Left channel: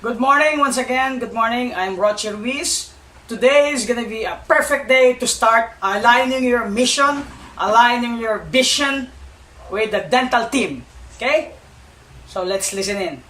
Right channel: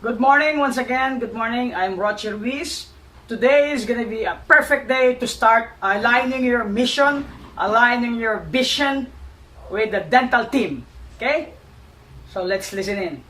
Good morning once again. Good morning. I'm Roger Ruiz. Today is going to be a perfect day to start aligning your mission, aligning your vision with the dental team. Okay? So let's listen in.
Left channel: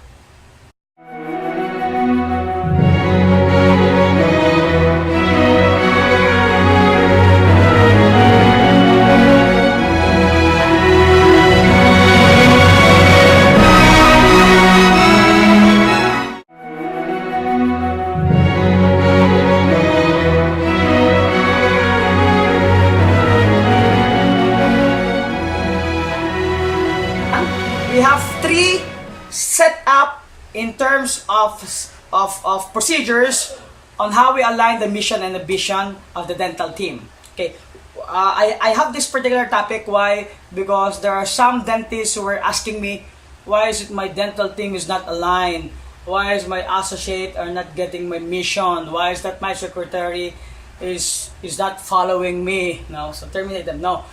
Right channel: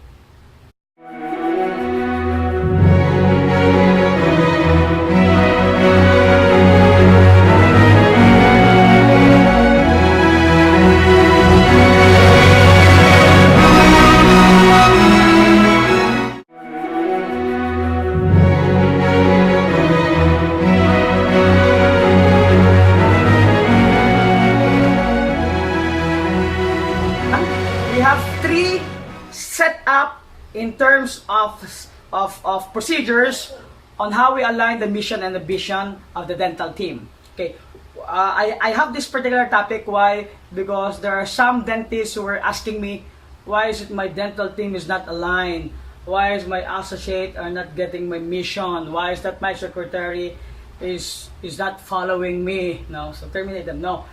We have three set up in terms of procedures on how we align the mission and the vision of the dental team. Okay, I have this particular topic. Why? Because there are some dentists who are asking me, why is it my dental team is not aligned? Why is my associate are not getting my mission? Why is that my secretary is not following me? No, so terminate them. No.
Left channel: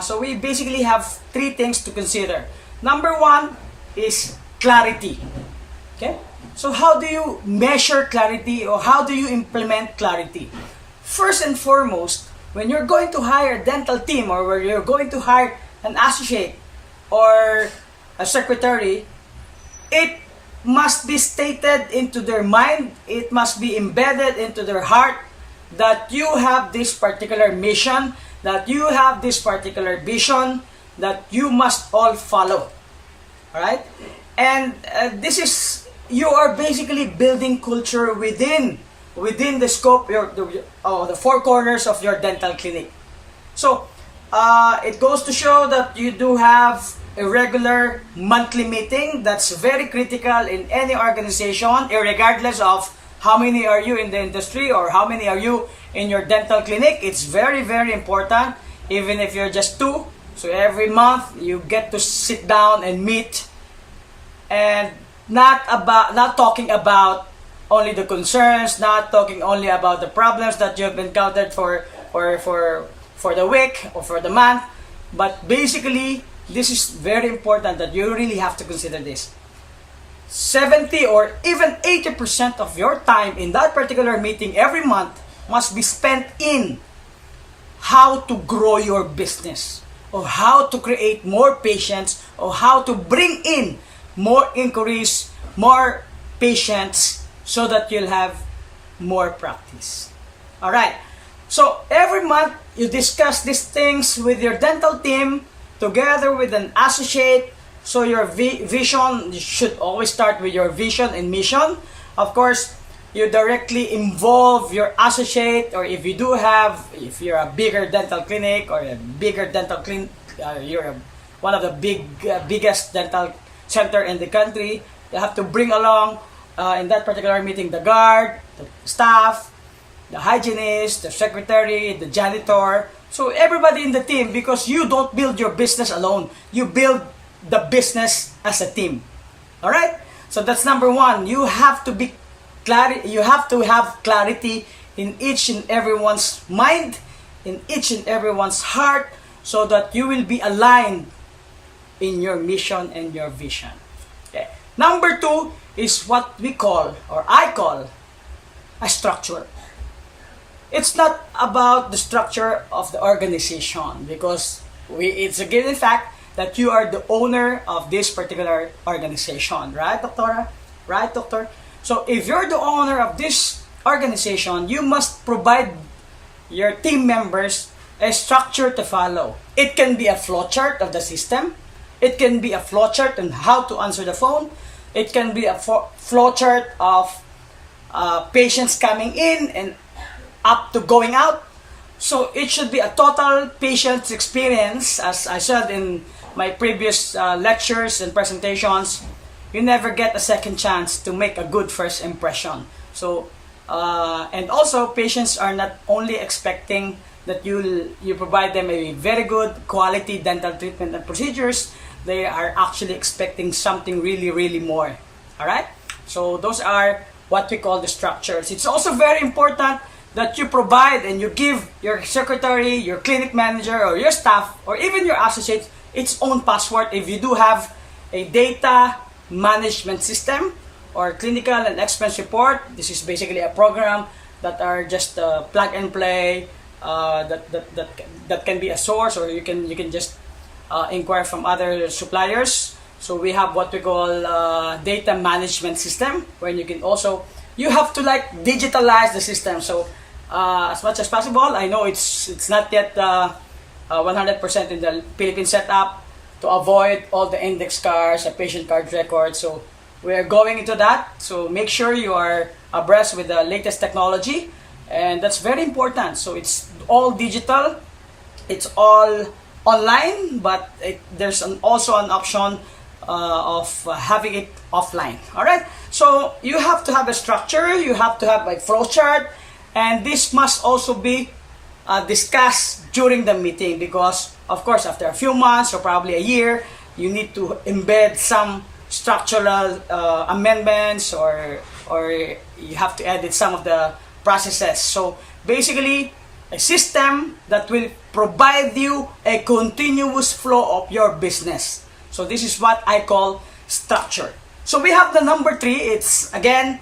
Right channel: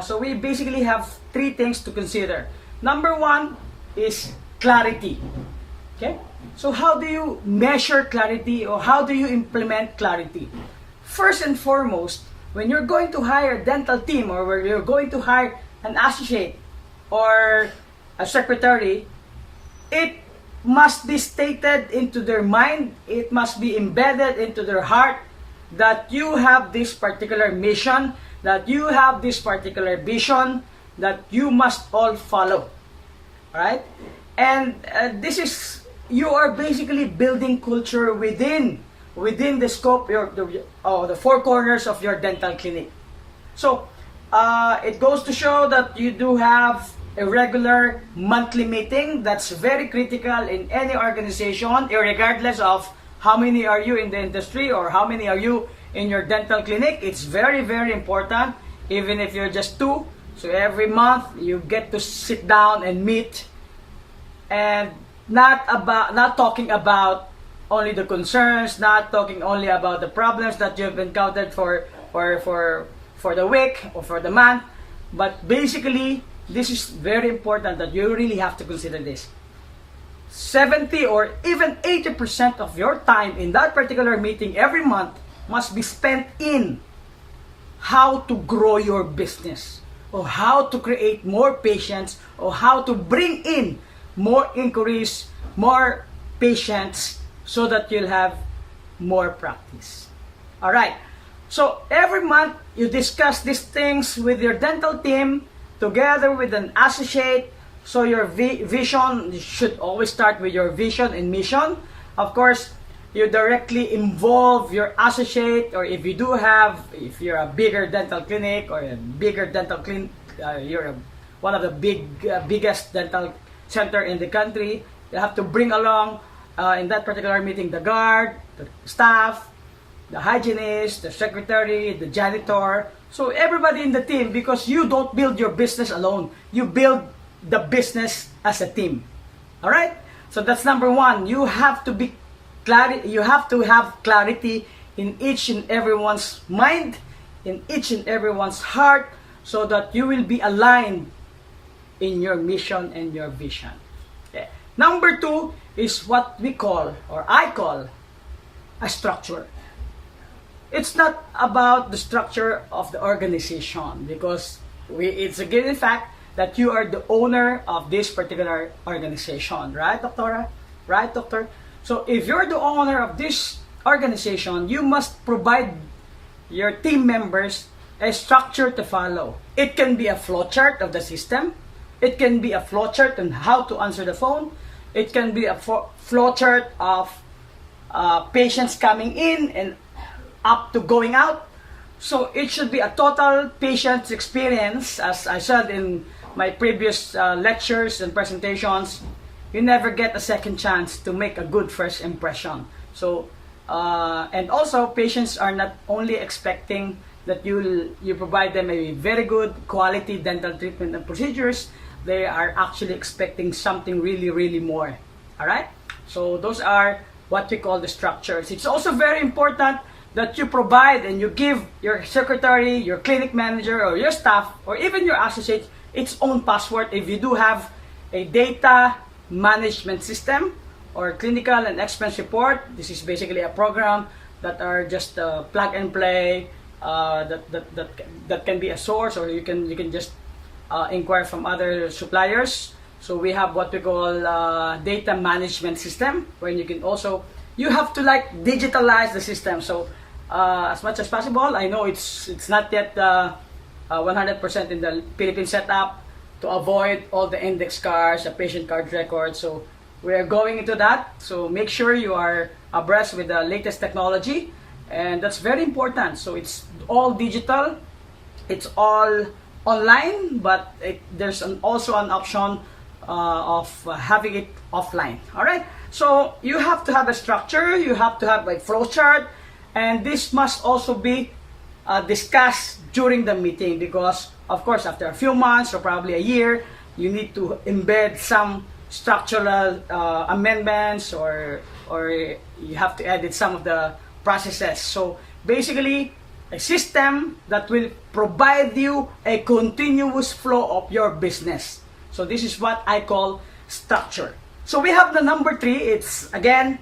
So we basically have three things to consider. Number one is clarity. Okay? So how do you measure clarity or how do you implement clarity? First and foremost, when you're going to hire a dental team or when you're going to hire an associate or a secretary, it must be stated into their mind, it must be embedded into their heart that you have this particular mission, that you have this particular vision, that you must all follow. Right? And this is, you are basically building culture within the scope, the four corners of your dental clinic. So, it goes to show that you do have a regular monthly meeting. That's very critical in any organization, regardless of how many are you in the industry or how many are you in your dental clinic. It's very, very important, even if you're just two. So every month you get to sit down and meet, and not talking about only the concerns, not talking only about the problems that you've encountered for the week or for the month, but basically this is very important that you really have to consider this. 70 or even 80% of your time in that particular meeting every month must be spent in how to grow your business, or how to create more patients, or how to bring in more inquiries, more patients, so that you'll have more practice. All right. So every month you discuss these things with your dental team together with an associate. So your vision, you should always start with your vision and mission. Of course, you directly involve your associate, or if if you're a bigger dental clinic or a bigger dental clinic, one of the biggest dental center in the country, you have to bring along in that particular meeting the guard, the staff, the hygienist, the secretary, the janitor. So everybody in the team, because you don't build your business alone, you build the business as a team. All right? So that's number one. You have to have clarity in each and everyone's mind, in each and everyone's heart, so that you will be aligned in your mission and your vision. Okay. Number two is what we call, or I call, a structure. It's not about the structure of the organization, because it's a given fact that you are the owner of this particular organization. Right, Doctora? Right, Doctor? So if you're the owner of this organization, you must provide your team members a structure to follow. It can be a flowchart of the system. It can be a flowchart on how to answer the phone. It can be a flowchart of patients coming in and up to going out. So it should be a total patient experience. As I said in my previous lectures and presentations, you never get a second chance to make a good first impression. So, and also patients are not only expecting that you provide them a very good quality dental treatment and procedures, they are actually expecting something really, really more. All right? So those are what we call the structures. It's also very important that you provide and you give your secretary, your clinic manager, or your staff, or even your associates its own password if you do have a data management system or clinical and expense report. This is basically a program that are just plug and play, that can be a source, or you can just inquire from other suppliers. So we have what we call data management system, where you have to like digitalize the system. So as much as possible, I know it's not yet 100% in the Philippine setup, to avoid all the index cards, the patient card records. So we're going into that. So make sure you are abreast with the latest technology, and that's very important. So it's all digital, it's all online, but there's also an option of having it offline. All right. So you have to have a structure, you have to have a flow chart, and this must also be discussed during the meeting, because of course after a few months or probably a year, you need to embed some structural amendments, or you have to edit some of the processes. So basically, a system that will provide you a continuous flow of your business. So this is what I call structure. So we have the number 3. It's again,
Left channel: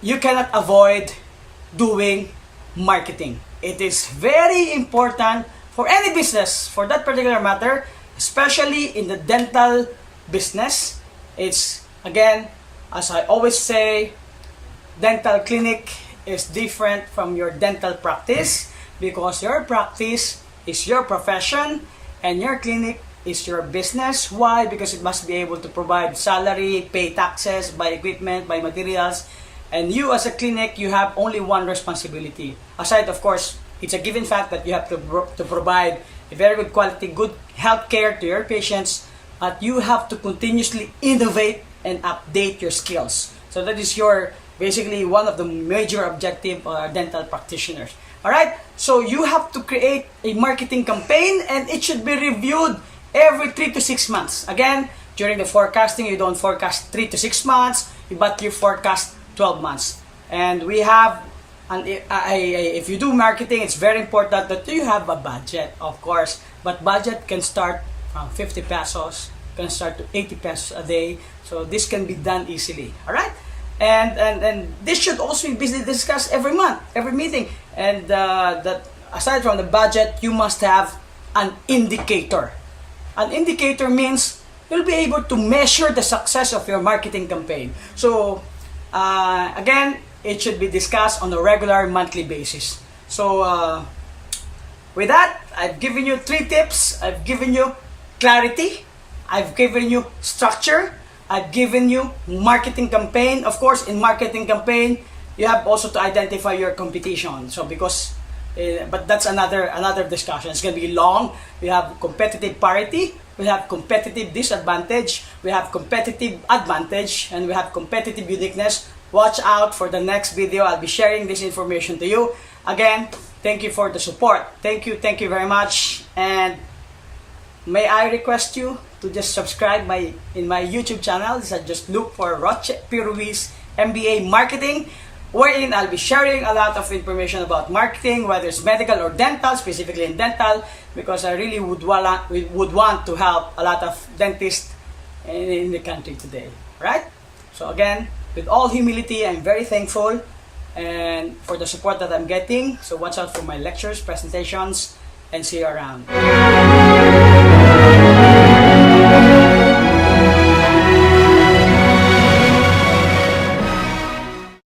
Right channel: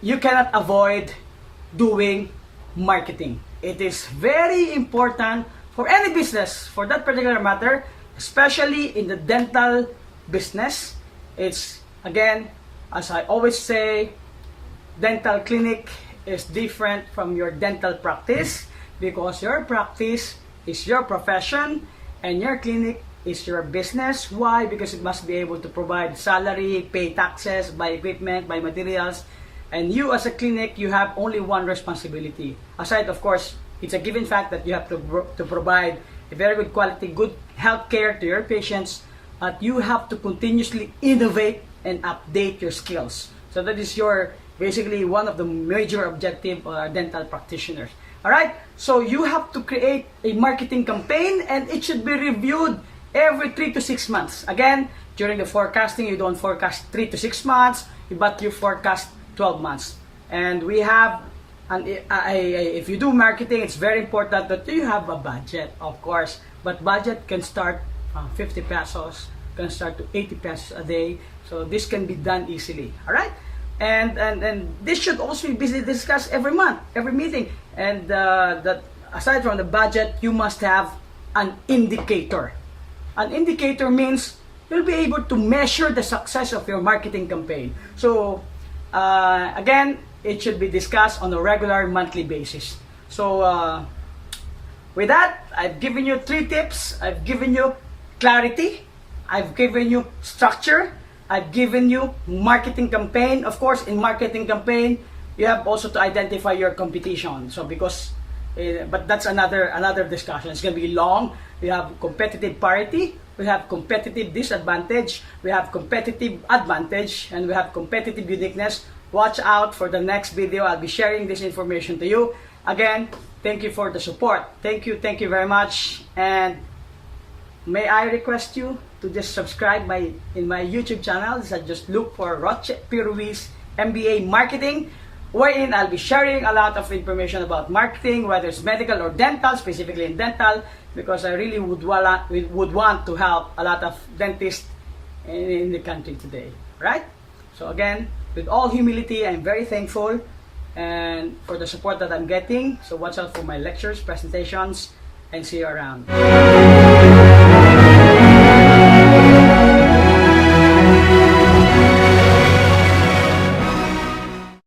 you cannot avoid doing marketing. It is very important for any business, for that particular matter, especially in the dental business. It's, again, as I always say, dental clinic is different from your dental practice, because your practice is your profession and your clinic is your business. Why? Because it must be able to provide salary, pay taxes, buy equipment, buy materials, and you as a clinic, you have only one responsibility. Aside, of course, it's a given fact that you have to provide a very good quality, good health care to your patients, but you have to continuously innovate and update your skills. So that is your basically one of the major objective dental practitioners. All right. So you have to create a marketing campaign, and it should be reviewed every 3 to 6 months. Again, during the forecasting, you don't forecast 3 to 6 months, but you forecast 12 months. And we have, if you do marketing, it's very important that you have a budget, of course. But budget can start from 50 pesos, can start to 80 pesos a day. So this can be done easily. All right. And this should also be discussed every month, every meeting. And that aside from the budget, you must have an indicator. An indicator means you'll be able to measure the success of your marketing campaign. So again, it should be discussed on a regular monthly basis. So with that, I've given you 3 tips. I've given you clarity, I've given you structure, I've given you marketing campaign. Of course, in marketing campaign, you have also to identify your competition. So because, but that's another discussion. It's going to be long. We have competitive parity, we have competitive disadvantage, we have competitive advantage, and we have competitive uniqueness. Watch out for the next video. I'll be sharing this information to you. Again, thank you for the support. Thank you very much. And may I request you to just subscribe in my YouTube channel. So just look for Roche P. Ruiz MBA Marketing, wherein I'll be sharing a lot of information about marketing, whether it's medical or dental, specifically in dental, because I really would want to help a lot of dentists in the country today, right? So again, with all humility, I'm very thankful and for the support that I'm getting. So watch out for my lectures, presentations, and see you around.